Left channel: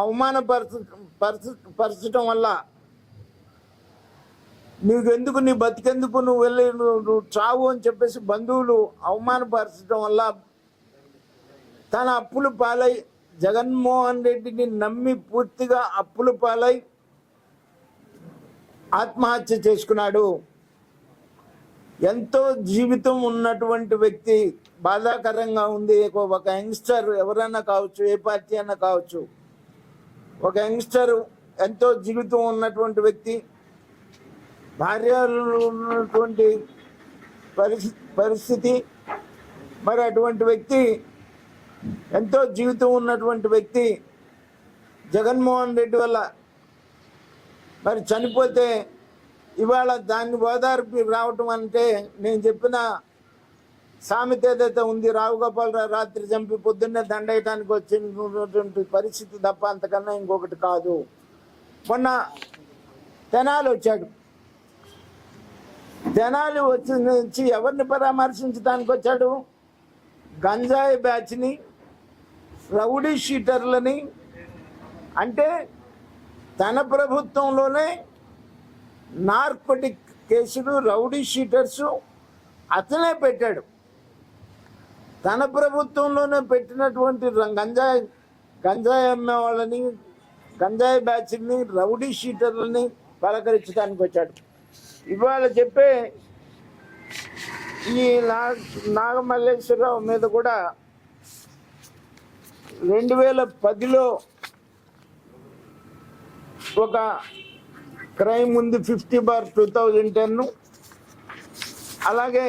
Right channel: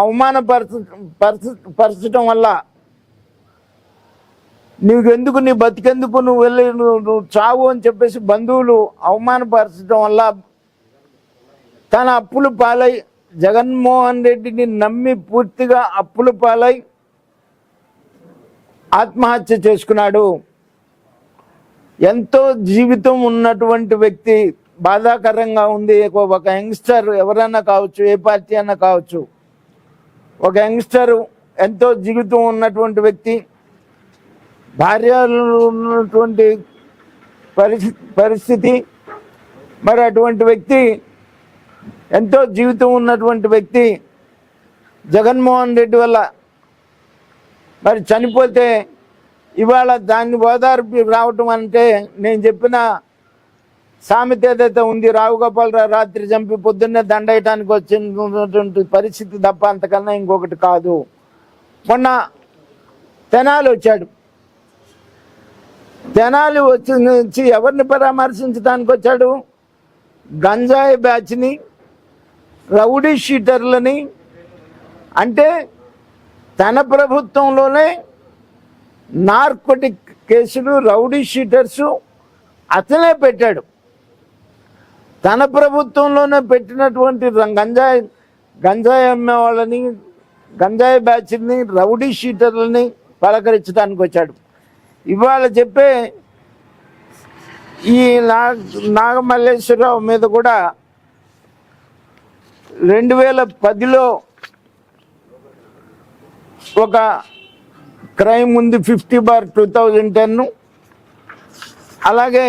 అవమానపరచ పరచ పరచడం వల్ల నీకెందుకు నీ బతికెందుకు నువ్వు వెళ్ళి నువ్వు చావు అని చెప్పేసి బంధువులు అవమానపరచడం వల్ల తన అప్పుల పాలై జగన్మోహన్ రెడ్డిని నమ్మి పూర్తిగా అప్పులు పాలై ఆత్మహత్య చేసుకున్నాడు. ఎంతో జీవితం ఉన్నటువంటి వ్యక్తి బాధాకరంగా ఉంది. ఒక యంగ్స్టర్ ఎవరైనా కావచ్చు ఏ పార్టీ అన్నా కావచ్చు. ఒక యంగ్స్టర్ ఎంతో జీవితం ఉన్నటువంటి వ్యక్తి భార్యలు ఉన్నటువంటి పరిస్థితి పరిస్థితి మరి అటువంటి వ్యక్తి ఎంతో జీవితం ఉన్నటువంటి వ్యక్తి జగన్మోహన్ రెడ్డి వల్ల మరి చనిపోతే ఇవాళ దాన్ని ఓదార్పు రావటం అంటే నేను చెప్పిన సామెత ఏదైతే ఉంది రావు గోపాలరావు రాత్రి చంపి పొద్దున్నే దండయటానికి వచ్చినటువంటి పరిస్థితి తప్ప అంతకన్నా ఇంకొకటి కాదు. మొన్న తెనాలి వచ్చాడు. తెనాలి వచ్చి నుంచి ఎవరిని పరామర్శించడానికి వచ్చాడు? గంజాయి బ్యాచ్ని రౌడీ షీటర్లని అంటే తన ప్రభుత్వంలోనే నార్కోటిక్ కేసులు రౌడీ షీటర్స్ అతనే పెట్టాడు. తన ప్రభుత్వంలోనే పెట్టినటువంటి గంజాయి గంజాయి అమ్మే వాళ్ళని గంజాయి బ్యాచ్ని రౌడీ షీటర్లని పలకరించడానికి వచ్చాడు. ఇవాళ చెప్పే ఈ నా నాగమల్లేశ్వరరావు మీద కూడా రెండు వేల పదిలో ఒక క్రైమ్ ఉంది fifty bar two thousand ten అలాగే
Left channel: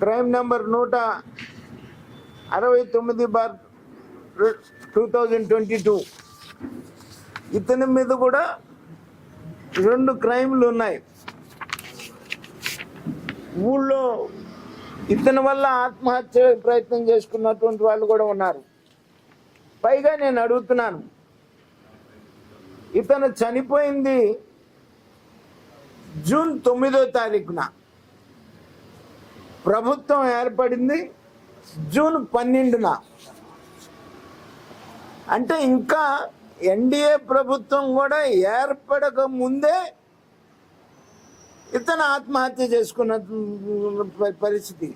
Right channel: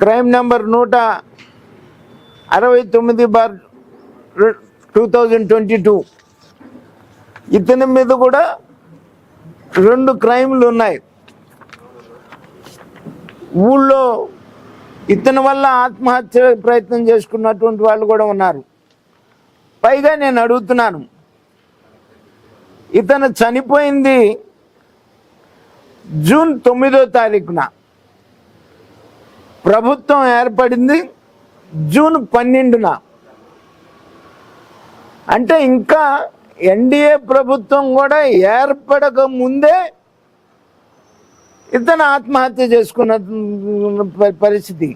క్రైమ్ నెంబర్ నూట అరవై తొమ్మిది bar two thousand twenty two. ఇతని మీద కూడా రెండు క్రైమ్లు ఉన్నాయి. ఊళ్ళో ఇతని వల్ల ఆత్మహత్య ప్రయత్నం చేసుకున్నటువంటి వాళ్ళు కూడా ఉన్నారు. పైగా నేను అడుగుతున్నాను. ఇతను చనిపోయింది జూన్ తొమ్మిదో తారీఖున. ప్రభుత్వం ఏర్పడింది జూన్ పన్నెండున. అంటే ఇంకా ఎన్డీఏ ప్రభుత్వం కూడా ఏర్పడక ముందే ఇతను ఆత్మహత్య చేసుకున్న పరిస్థితి.